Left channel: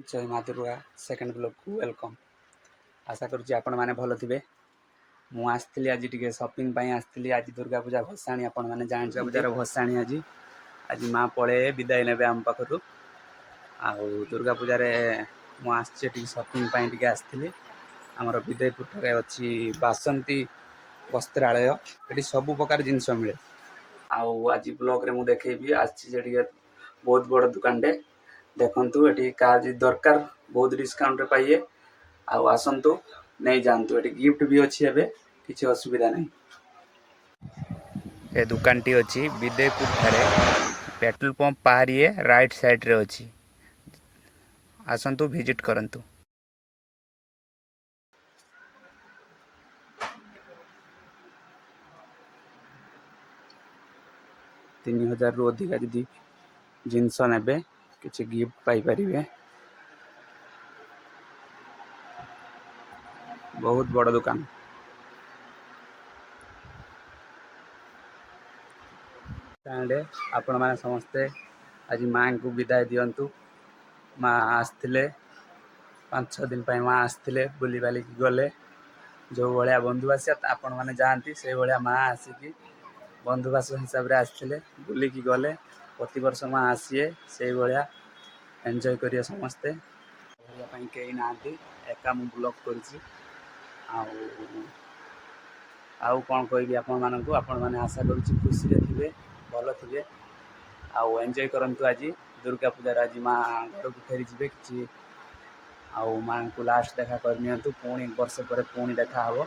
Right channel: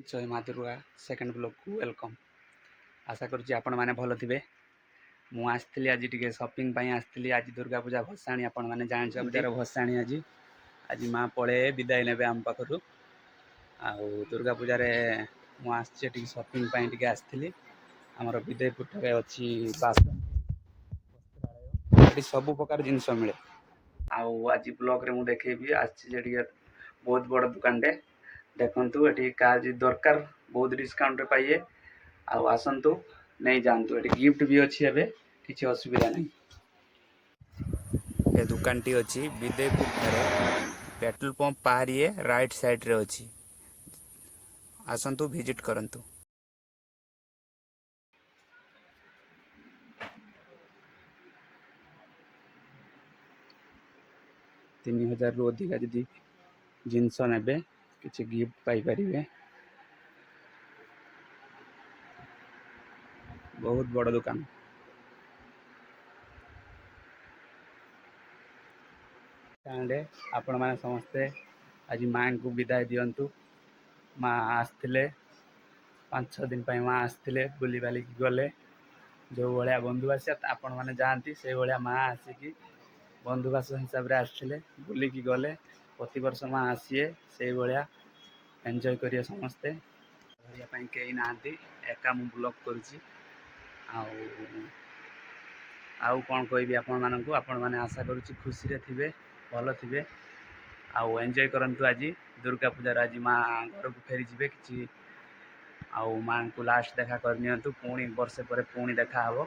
जय माँ Durga second blog को वेलकम। आशा करुँच आपण मैंने भल थे। मुझे आज टे सपिंग आसती आज दुर्गा पूजा भसाणी आपण मैंने जान पूजार भसाणी आज आज माँ पड़े विदाय ने आम पाखु आ दुर्गा पूजार मुझे सपिंग आसती आमर विदयपुर ठारे अच्छी बासंती वस्त्रालय ये सब प्रकार जिनस मिले। आज ब्लॉग रे मुझे देखेबी आज बहुत बड़ दुकान टे देखु ये क्या दरकार बहुत डिस्काउंट पाइए आसतु नहीं जानतु ये गिफ्ट भी अच्छी एवं किसी असुविधा नहीं। ये दुकान टी अच्छी विदयपुर ठारे पेट्रोल पंप पार ये राइट साइड रे अच्छी आसतु विजिट करंतु। 3000 रु अधिका जदि जिनस ने किसी गिफ्ट पाइपर। बहुत बड़ दुकान। आपण मैंने समस्ते आज माँ को विदाय दिंतु। माँ आसते 5-6 दिन माँ आसते बुली बालिकी गले जो भाया बंधुवास आपण मैंने जाती से भाया माँ आसिकी बंधुवास हिसाब से आसते बुलिकी गले प्रति वर्ष माँ आसीए से भाया एंजॉय करिए समस्ते। कहीं ना एका मु ब्लॉग करुँची आउ कौन कहबी आपण मैंने आशा करुँची खुशी थे भल थे आउ एंजॉय करंतु। आज दुर्गा पूजार आज माँ घर को फेरी जी कि आउ माँ को लास्ट देखा करनी पुणी वर्षे पर पुणी देखा हे।